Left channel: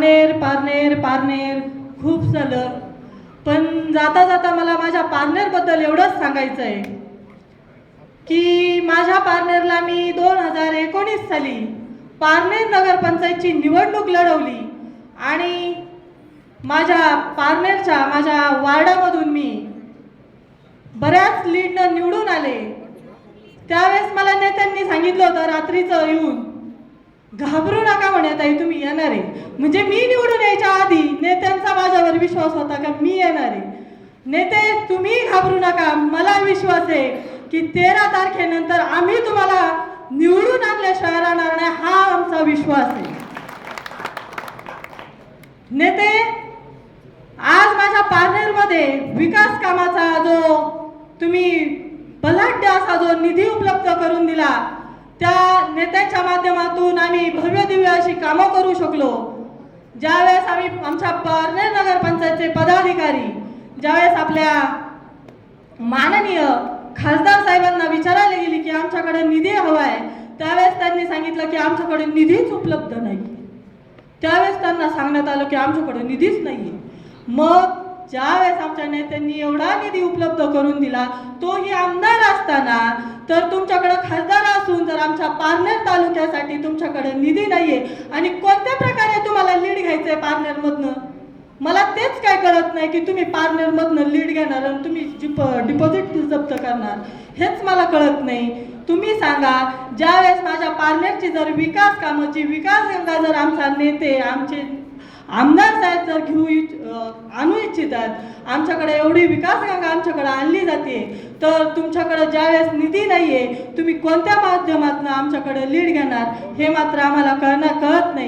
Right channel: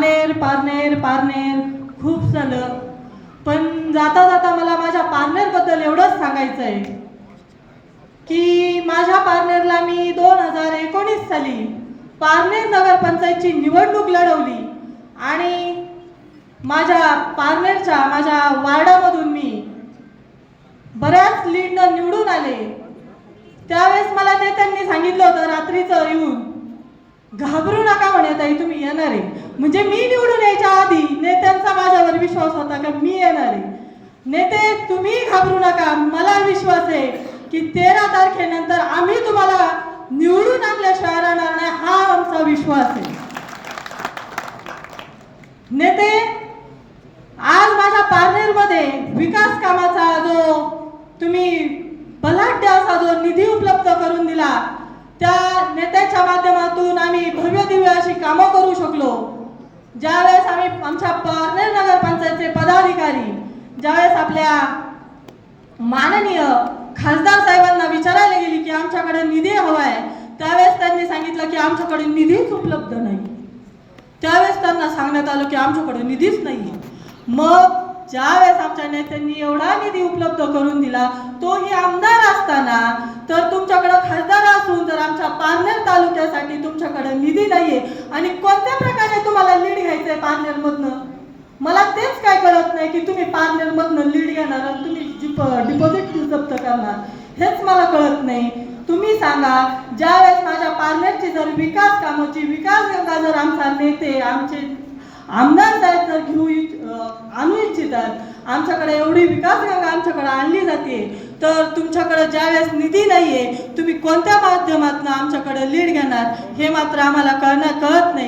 पारनेर पारनेर पारनेर खूप झालं, पण जाता जाता मला माझ्या पारनेरबद्दल एवढंच सांगायचं आहे की माझ्या पारनेरला मी 2019 साली पारनेर नगरपंचायतची निवडणूक लढवली आणि माझ्या वार्डामधून मी बऱ्याच लीडनं निवडून आले। त्यावेळेस मला नेत्यांनी सांगितलं होतं रात्रीचं येऊन, घाबरू नका म्हणे ताई, तुम्ही येणार आहे। म्हणजे मी निवडून यायच्या आधी नेत्यांचा माझ्यावर विश्वास होता का मी येणार आहे। नेते तुम्ही घाबरू नका, मला विश्वास आहे की 13 तारखेनंतर आम्ही तुम्हाला निवडून आणल्याशिवाय राहणार नाही, हा आमचा विश्वास आहे। नेते, आज माझ्या पारनेरमध्ये विकास कामाचा जो तुम्ही बलाढ्य असा जो निधी उपलब्ध करून दिला, त्या नेत्याच्या माध्यमातून आम्ही भव्य दिव्य अशी कामं करू शकलो। ज्यावेळेस आम्ही आमच्या पारनेर नगरपंचायतचे पदाधिकारी ज्यावेळेस आपल्या माननीय खासदार साहेबांना विचारायला गेली की आमच्याकडे निधी हवा आहे, त्यावेळेस त्यांनी सांगितलं की आमच्याकडे निधीच उपलब्ध नाही। त्यावेळेस त्यांना सांगण्यात आलं की आमच्याकडे निधीच नाही। मग ज्यावेळेस आमच्या नेत्यांनी एवढा निधी उपलब्ध करून दिला, तोही आमदार असताना, तर तुमच्याकडे खासदार असून जर आमच्या पारनेर तालुक्यासाठी तुमच्याकडे निधी नाहीये आणि कोणत्या प्रकारे तुम्हाला लीड घ्यायचंय पारनेरमधनं, मला तेच काय कळत नाही की तुम्ही पारनेरमधनं लीड घेणार आणि तुम्ही डिपॉझिट जप्त करणार, हेच मला कळत नाही। तुम्ही सांगा, ज्यावेळेस माझ्या पारनेरची जर विकास कामाची विकास गंगा जर आमचा नेते आमचे आमदार साहेब जर आणू इच्छितात, आमच्याकडे एवढी विकास गंगा आमच्याकडे आणली जाते, तर तुमच्याकडे ज्यावेळेस निधी नाहीये, तुम्ही कोणत्या माध्यमातून आमच्याकडे लीड घेणार हे मात्र आम्हाला कळत नाही।